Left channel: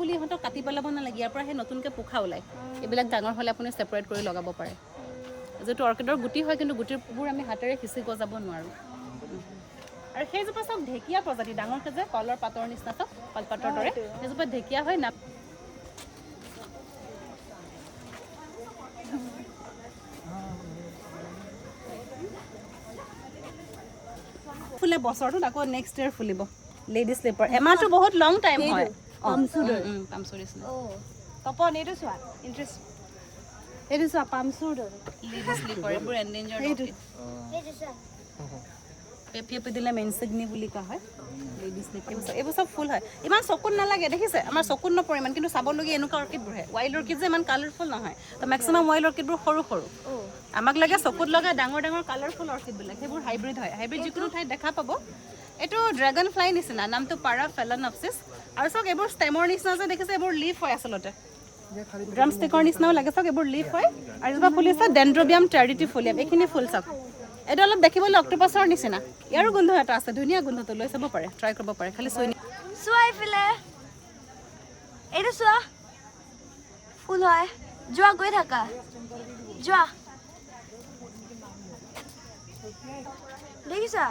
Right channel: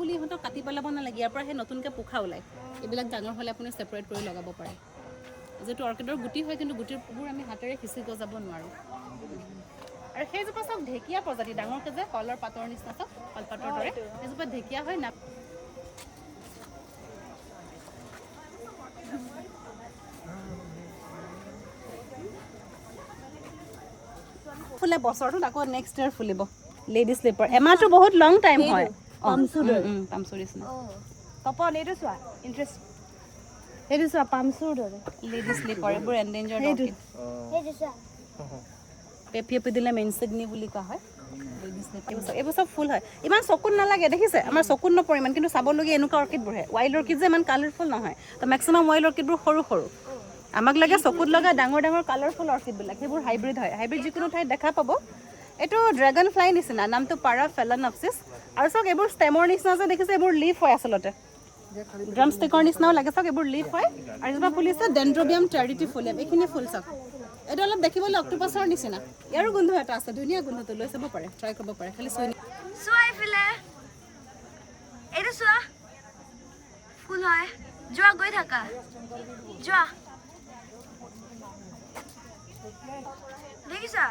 বুলি ইহঁতক কাটি পেলাব নালাগে ইয়াৰ পৰা সেই নতুনকৈ পোখা ওলায় এইবিলাক ডাঙৰ হ'লে আপুনি ছেপাৰেট কৰি লগাব পাৰে যিটো অৰ্কিডৰ গুটি হয় কিন্তু গুটিবোৰ আমি হাতেৰে সিঁচি গজাব নোৱাৰোঁ আৰু সেইজোপা চব ঢেকীয়া প্ৰজাতি ডাঙৰকৈ যে কলৰ পাতৰ নিচিনাটো কলপাতৰ দৰে সেইজোপা ঢেকীয়া হয় না ফুলে বছৰটোত আকৌ নেক্সট ইয়াৰ ফুলিব লেডি স্লিপাৰ এমাহটো বহুত লং টাইম হয় পামচুৰ নিচিনা তপন এইটো চোৱা ইণ্টাৰেষ্ট এইটো চোৱা পামচুৰ লেডি স্লিপাৰ এইবোৰ এণ্ডেঞ্জাৰ্ড সেইটো চোৱা পেপি দিলে মেনচিগনি বুলি কোৱা হয় লেডি স্লিপাৰ এইবোৰ চব ফুল হয় ইমান চকুত নালাগে দেখিছে আমাৰ চকুত নপৰে ইমান কিন্তু চাবলগীয়া এনেকুৱা অৰ্কিডবোৰ ৱাইল্ড অৰ্কিড যে ইমান কালাৰফুল নহয় তো মেক্সিমাম ৱাইল্ড অৰ্কিডবোৰ সৰু সৰু আমাক লাগে চকুত লগা ডাঙৰ ডাঙৰ কালাৰফুল অৰ্কিডবিলাক সেইবোৰ হাইব্ৰিড হয় হাইব্ৰিড যিকোনো ঠাইত দেখা পাব এইটো ড্ৰেগন ফ্লাই নিচিনা নামটো পাৰা ফেলানপচিছ আৰু চাওক এইবোৰ ষ্টেমৰ নিচিনা যে দেখিছে এইবোৰ লিফ হয় আচলতে ড্ৰাম ষ্টিকৰ নিচিনাও লাগে চাওক এইবোৰ লিফ হয় আৰু এজোপা ফুল আছে ডেনড্ৰবিয়াম টেৰিটিফোলিয়াম এইখিনি ফুল চাওক এইটো অলপ দেখিবলৈ অক্টোপাছৰ নিচিনা ইয়াৰো গোন্ধ এটা আছে ধুনীয়া গোন্ধটো লৈ চাব পাৰে ট্ৰাই কৰিব পাৰে খালি চোৱা এইফালে এইটো চোৱা ফুল হয় যোৱা গৈ থাকা যোৱা দেখিছা